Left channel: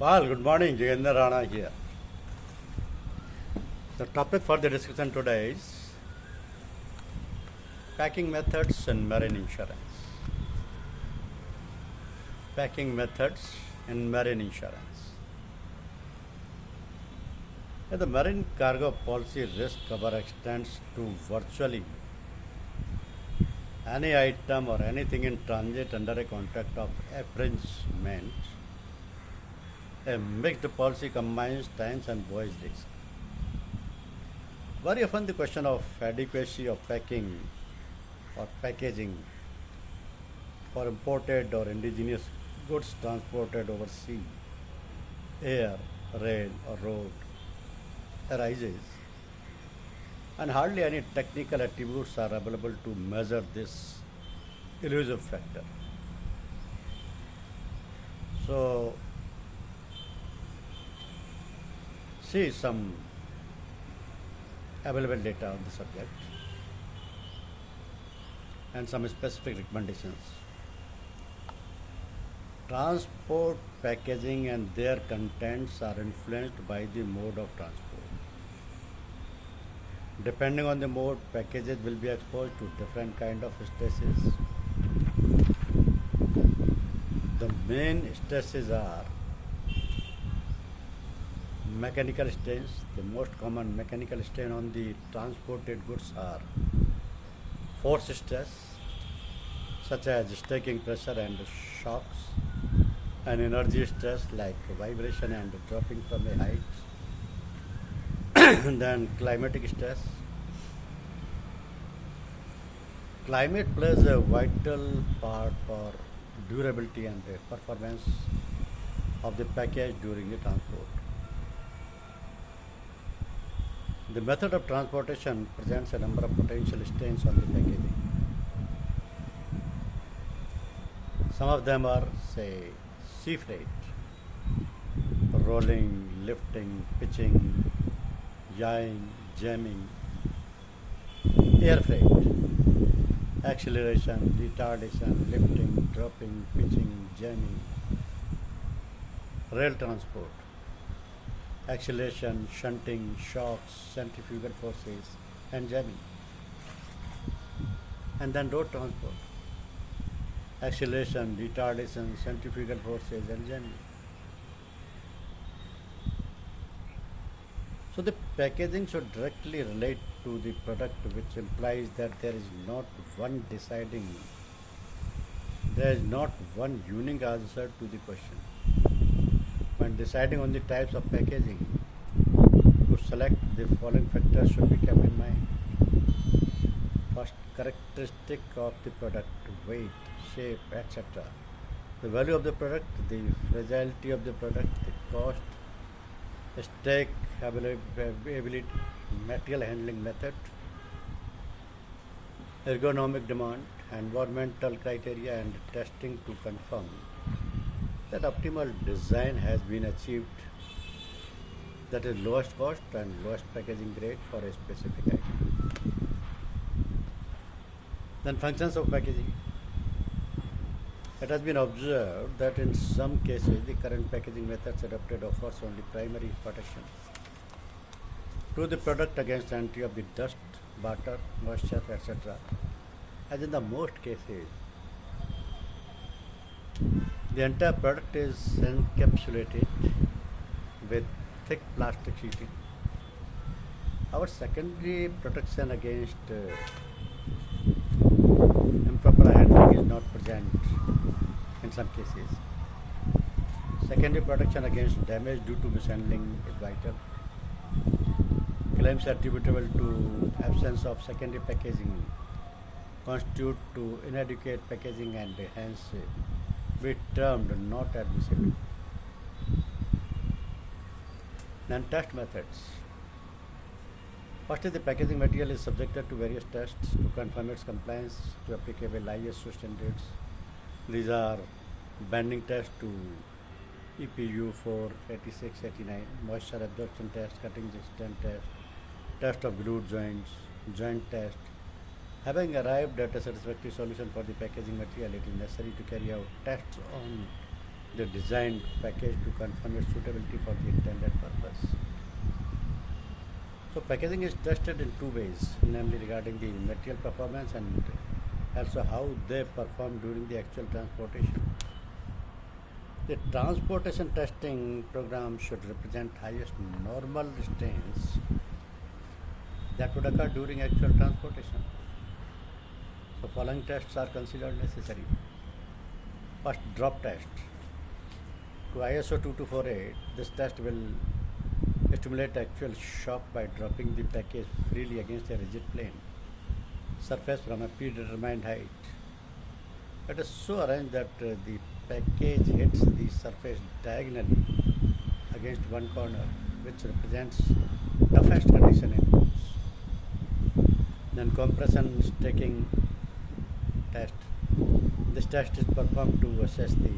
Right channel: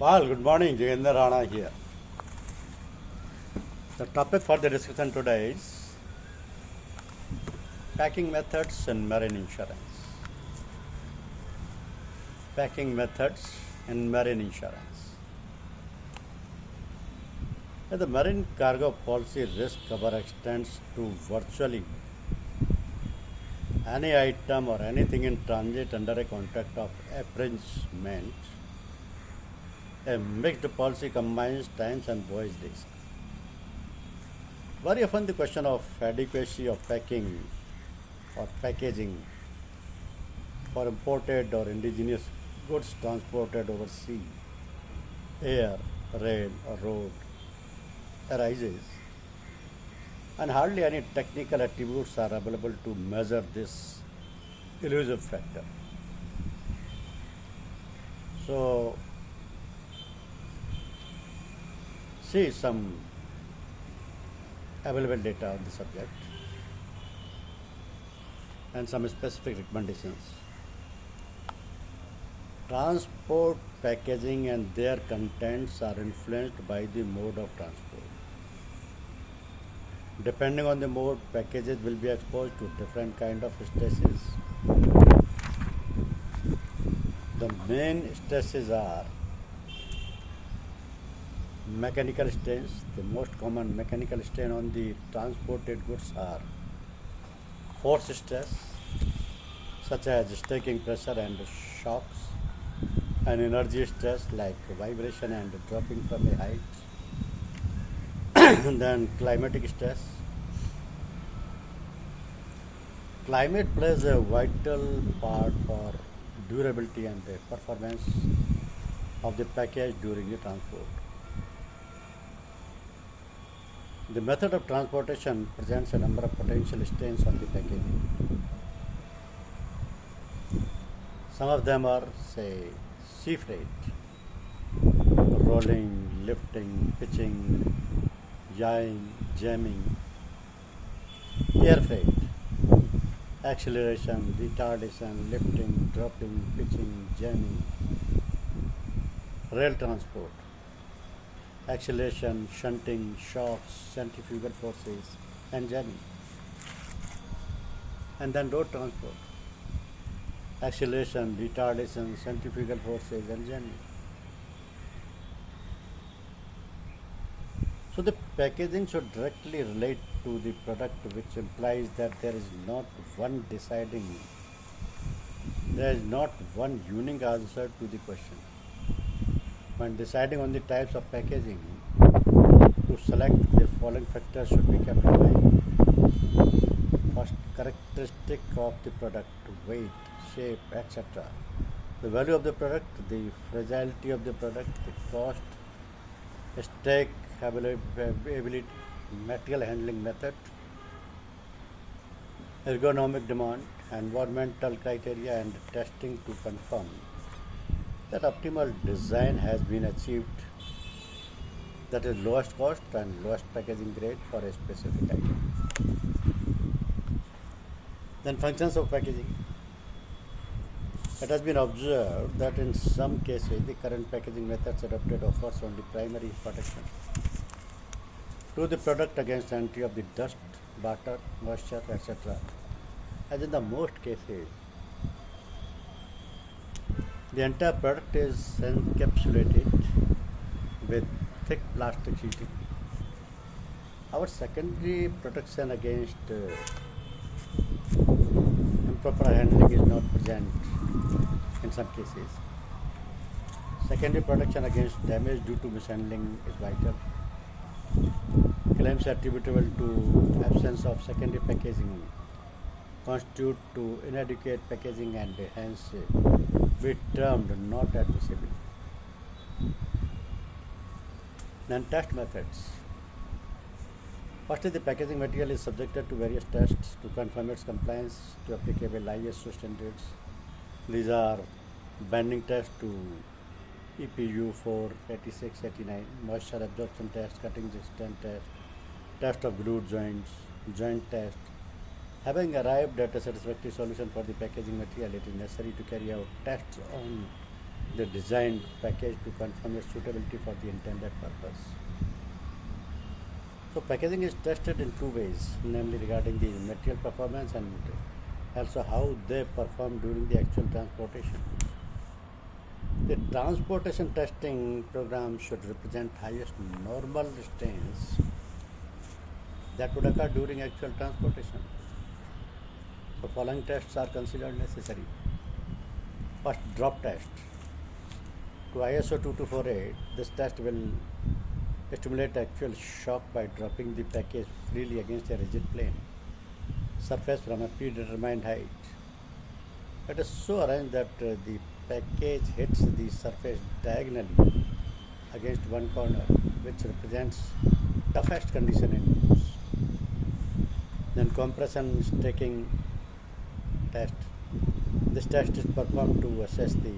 Well, good morning, Jayendra Rana here. The topic for the discussion today is packing methods in marine insurance. Packing methods in marine insurance. The marine cargo policy risk cover extends to virtually any item or anything in transit under a contract of affringement. A mixed policy combines times and voyage risk. Very often the question of adequacy of packing or packaging for imported or indigenous goods transported over sea, air, rail or road arises, and hardly any technical attributes are available to measure this elusive factor. So, see some available data on the subject and some specific recommendations. Transport, packaging, and their contents are influenced by the mode of transport. Depending on the mode, packages will be exposed to different kind of stresses. The main stresses are mechanical strains. The most common mechanical strain on the transported goods are force stress, such as staking pressure and shocks, and energy stress like vibration and dropping from a height. Then climatic stress. Climate plays a vital part for durability and the performance of the package during the transport. The method of transportation presents a number of potential strains on the packaging. Some of them are, say, sea freight, rolling, lifting, pitching, yawing, jamming; air freight, acceleration, retardation, lifting, dropping, pitching, jamming; rail transport, acceleration, shunting, shocks, centrifugal forces, and jamming; and then road transport, acceleration, retardation, centrifugal forces, and jamming. So the packaging should directly relate to the product, which implies that there is not one unique answer to the question. When deciding on the types of packaging to select, the following factors should be kept in mind. First, characteristic of the product: weight, shape, etc. The value of the product, the fragility of the product, the cost, stake availability, material handling method, ergonomic demand, environmental criteria, and testing to confirm that optimal design has been achieved, that is lowest cost and lowest packaging grade for a specific item. Then functions of packaging. It has been observed that in some cases the current packaging methods adopted offers only primary protection to the product against entry of the dust, water, moisture, etc. As in the most cases, the entire product is encapsulated with thick plastic sheeting. Our secondary protection against improper handling is not present in some cases. Secondary protection against damage due to mishandling is vital. Claims attributable to absence of secondary packaging constitute to inadequate packaging and hence be termed not admissible. Then test methods. Firstly, the packaging material is subjected to various tests to confirm its compliance to applicable ISO standards. These are bending test to EPU 48689, moisture absorption test, cutting resistance test, test of glued joints, joint test. Having arrived at a satisfactory solution for the packaging material, it is necessary to carry out tests on the designed package to confirm its suitability for the intended purpose. So packaging is tested in two ways, namely regarding the material performance and also how they perform during the actual transportation. The transportation testing program should represent highest normal strains that would occur during actual transportation. So following tests are considered necessary. First, drop test. To ISO 2248, this test will stimulate actual shock by dropping the package freely against a rigid plane surface from a predetermined height. It is so arranged that the package hits the surface diagonally against one corner, which represents toughest condition in use. Then compression stacking test. This test is performed to assess the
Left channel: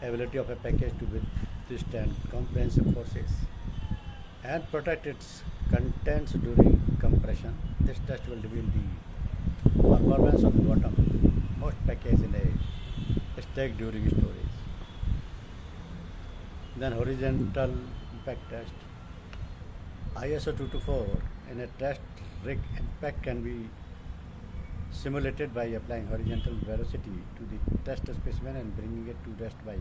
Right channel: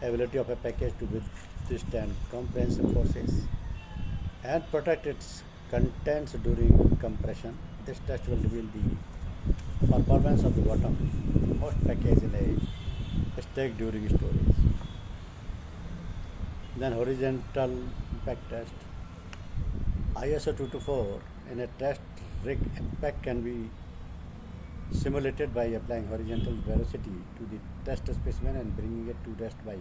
ability of a package to withstand comprehensive forces and protect its contents during compression. This test will reveal the performance of the bottom-most package in a stack during storage. Then horizontal impact test. ISO 224 in a test rig, impact can be simulated by applying horizontal velocity to the test specimen and bringing it to rest by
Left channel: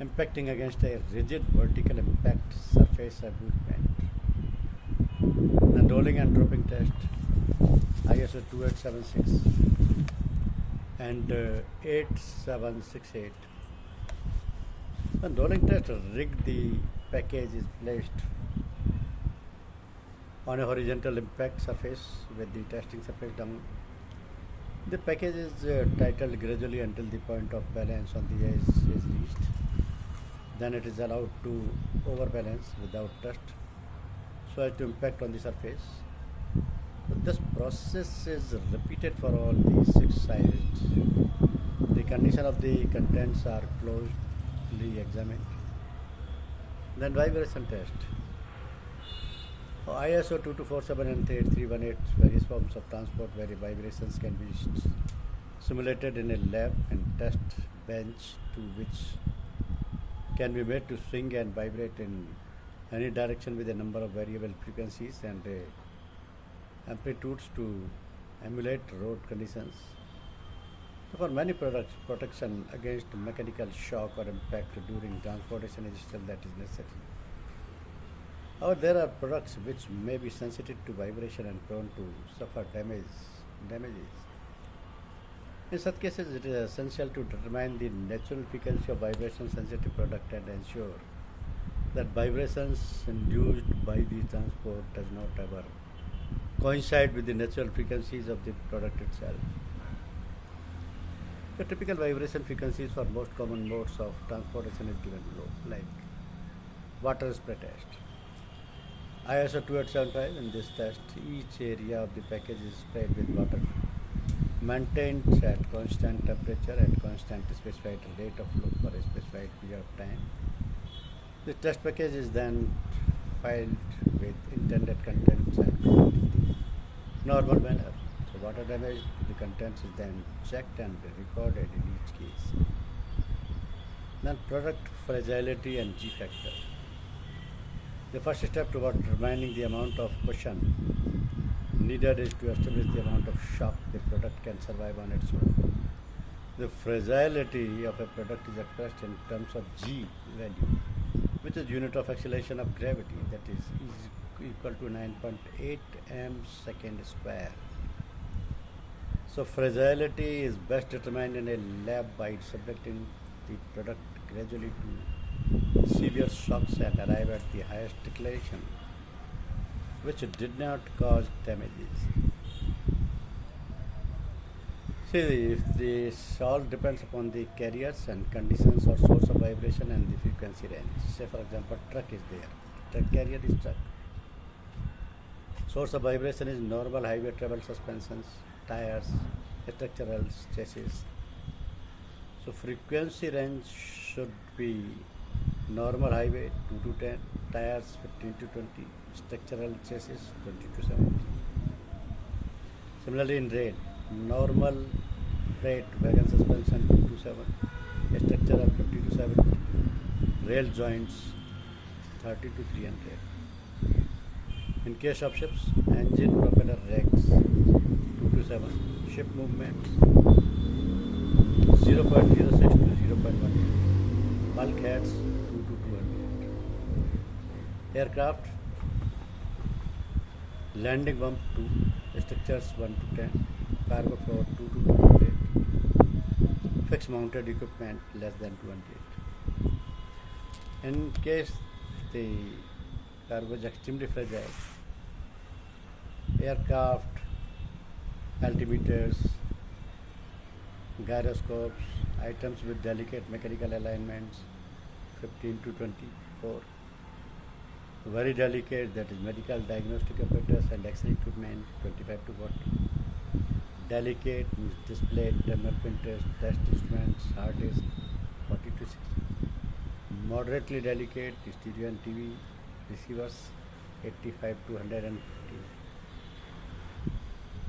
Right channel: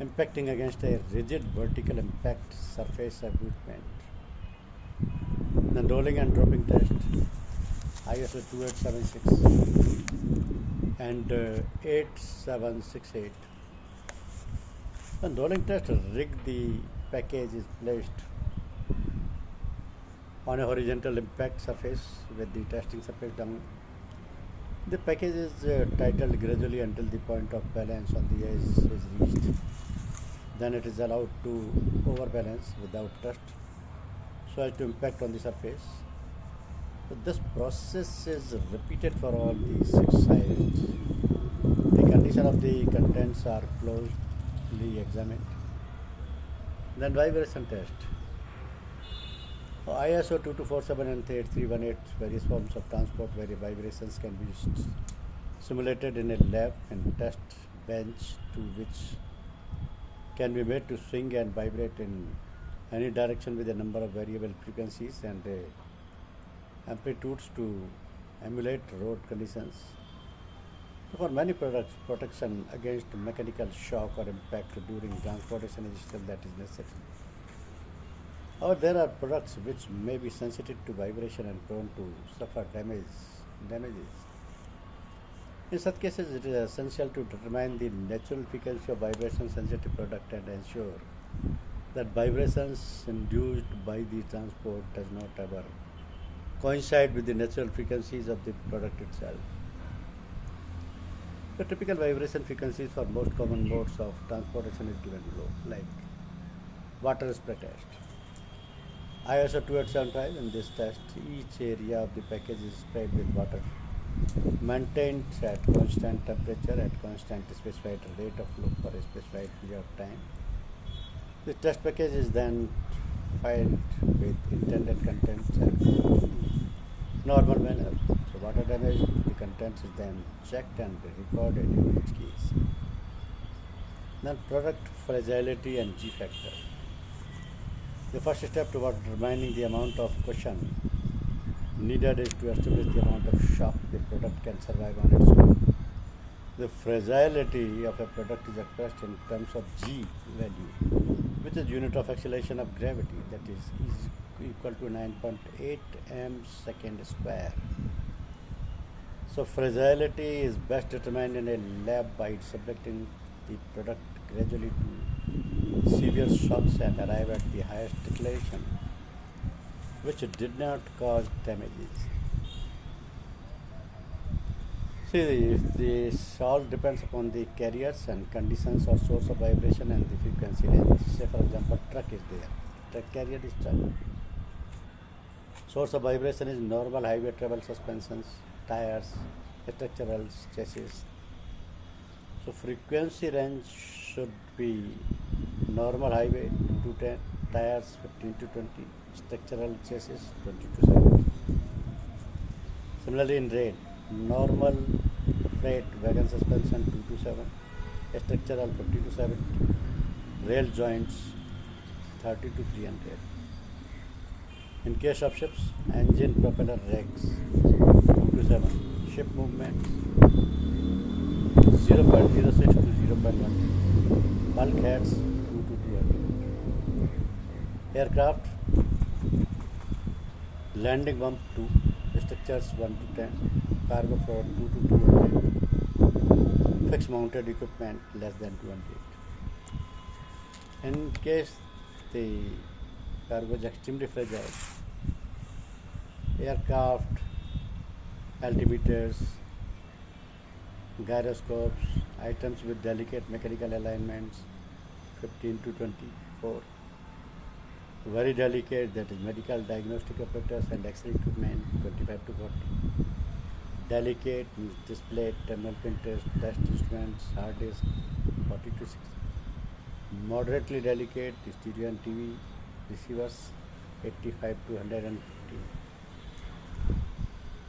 impacting against a rigid vertical impact surface abutment. Then rolling and dropping test, ISO 2876 and 8768. Then rolling test rig, the package is placed on a horizontal impact surface with the testing surface down. The package is titled gradually until the point of balance on the edge is reached. Then it is allowed to overbalance without thrust so as to impact on the surface. So this process is repeated for all the 6 sides. The condition of the contents are closely examined. Then vibration test. ISO 2247 and 8318 various forms of transport where vibrations can be simulated in a lab and test bench to which can be made to swing and vibrate in any direction with a number of variable frequencies and amplitudes to emulate road conditions. So for many products, protection against mechanical shock or impact during transportation is still that is necessary. However, there are products which may be sensitive to vibration and prone to suffer damages. In such cases, it is essential to determine the natural frequency of vibration-sensitive product and ensure that vibrations induced by the transport does not ever coincide with the natural frequencies of the product itself. The typical vibration frequencies for most common modes of transportation is given below, like water spray test. ISO 2875, in this test, each area of the package is sprayed with water, maintained at constant temperature at constant specified rate of flow for a specified period of time. The test package is then filed with intended contents and closed in the normal manner. So water damage to the contents is then checked and recorded in each case. Then product fragility and G factor. The first step toward determining the amount of cushion needed is to establish the amount of shock the product can survive on its own. The fragility of a product is expressed in terms of G value, which is unit of acceleration of gravity, that is equal to 9.8 m second square. So fragility is best determined in a lab by subjecting the product gradually to severe shocks and arrive at the highest declaration, which did not cause damages. See, this all depends upon the carriers and conditions or source of vibration and the frequency range. Say for example, truck is there. Truck carrier is truck. Source of vibration is normal highway travel suspensions, tires, structural chassis. So frequency range should be normal highway 2 to 10, tires 15 to 20, structural chassis 20 to 70. Similarly in rail, normal freight wagon suspension 2 to 7, structure of 50 to 70, rail joints 30 to 300. In case of ships, engine propeller rakes 2 to 7, ship movements 0.06 to 0.1, bulkheads 2 to 200. Aircraft, landing bump 2, structures 1 to 10, cargo floor 2 to 200, fixed mounted equipment less than 200. In case the cargo is extremely fragile, aircraft, altimeters, gyroscopes, items with delicate mechanical alignments 15 to 24, very delicate, that is medical diagnostic apparatus and X-ray equipment 25 to 40, delicate display terminal printers, test instruments, hard disk 40 to 60, moderately delicate stereo and TV receivers 85 to 150,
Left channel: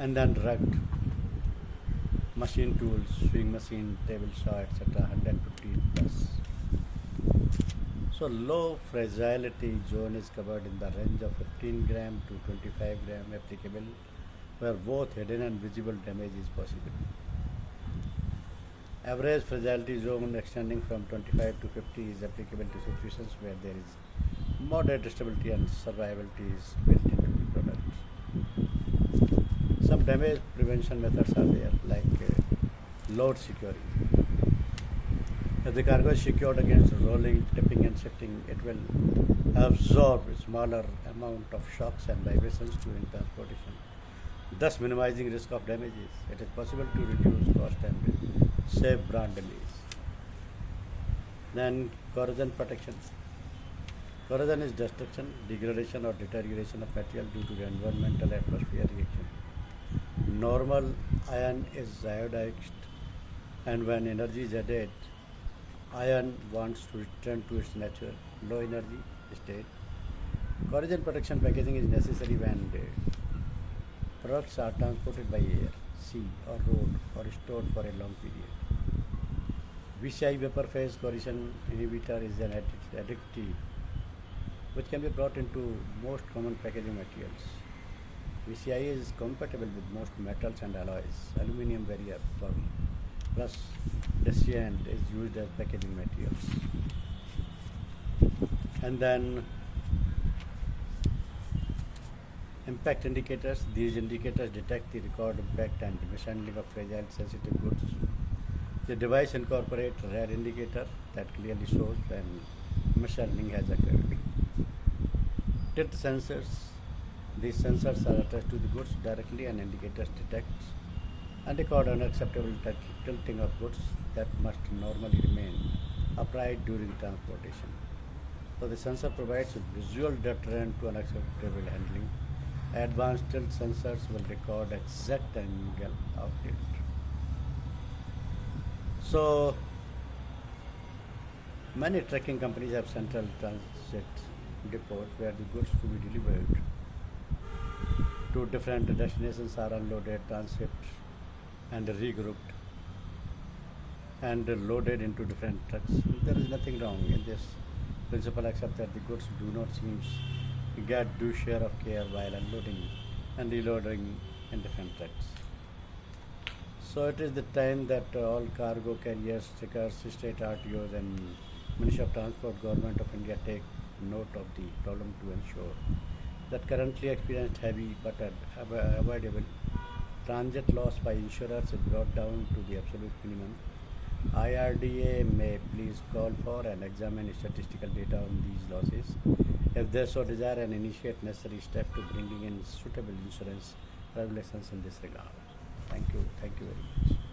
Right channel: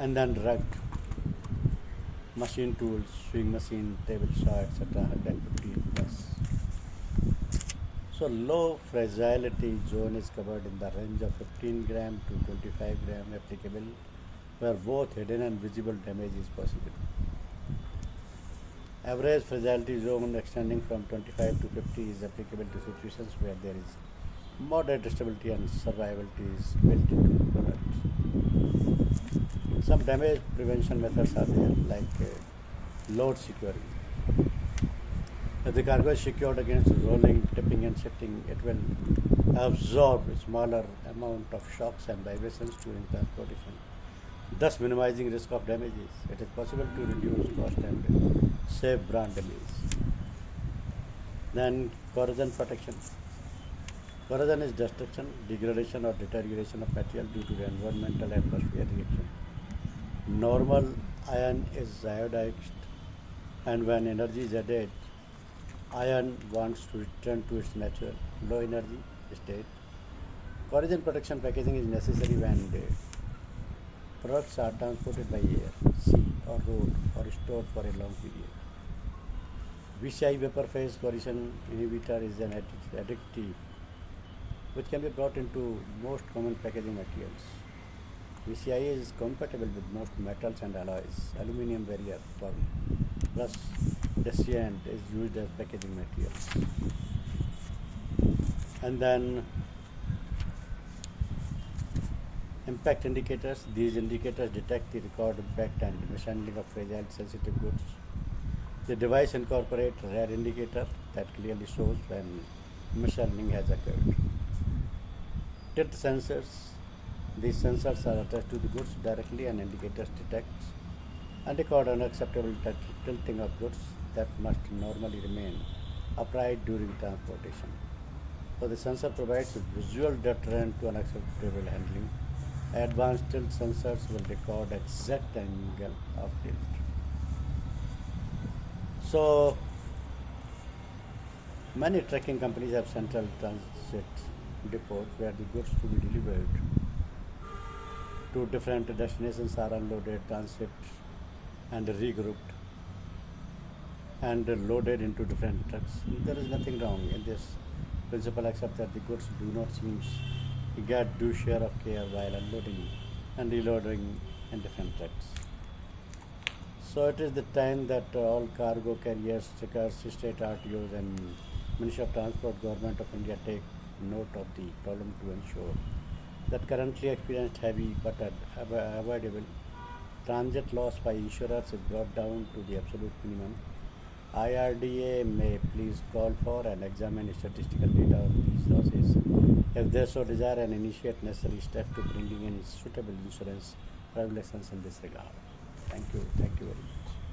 and then rugged machine tools, sewing machine, table saw, etc. 150 plus. So low fragility zone is covered in the range of 15 gram to 25 gram applicable, where both hidden and visible damage is possible. Average fragility zone extending from 25 to 50 is applicable to situations where there is moderate stability and survivability is built into the product. Some damage prevention methods are there, like load securing. If the cargo is secured against rolling, tipping and shifting, it will absorb a smaller amount of shocks and vibrations during transportation, thus minimizing risk of damages. It is possible to reduce cost and save brand damage. Then corrosion protection. Corrosion is destruction, degradation or deterioration of material due to the environmental atmosphere reaction. Normal iron is iodized, and when energy is added, iron wants to return to its natural low energy state. Corrosion protection packaging is necessary when the products are transported by air, sea or road or stored for a long period. VCI vapor phase corrosion inhibitor is an additive which can be brought into most common packaging materials. VCI is compatible with most metals and alloys. Aluminium barrier plus Descent is used as packaging materials. And then impact indicators. These indicators detect the record impact and mishandling of fragile sensitive goods. The device incorporates a rare indicator that clearly shows when mishandling has occurred. Tilt sensors. These sensors are attached to the goods directly, and indicators detect and record unacceptable tilting of goods that must normally remain upright during transportation. So the sensor provides a visual deterrent to unacceptable handling. Advanced tilt sensors will record exact angle of tilt. So many trucking companies have central transit depots where the goods to be delivered to different destinations are unloaded, transshipped and regrouped and loaded into different trucks. There is nothing wrong in this principle except that the goods do not seem to get due share of care while unloading and reloading in different trucks. So it is the time that all cargo carriers, stickers, state RTOs and Ministry of Transport, Government of India take note of the problem to ensure that currently experienced heavy but avoidable transit loss by insurers is brought down to the absolute minimum. IRDA may please call for and examine statistical data on these losses if they so desire and initiate necessary steps to bringing in suitable insurance regulations in this regard. Thank you very much.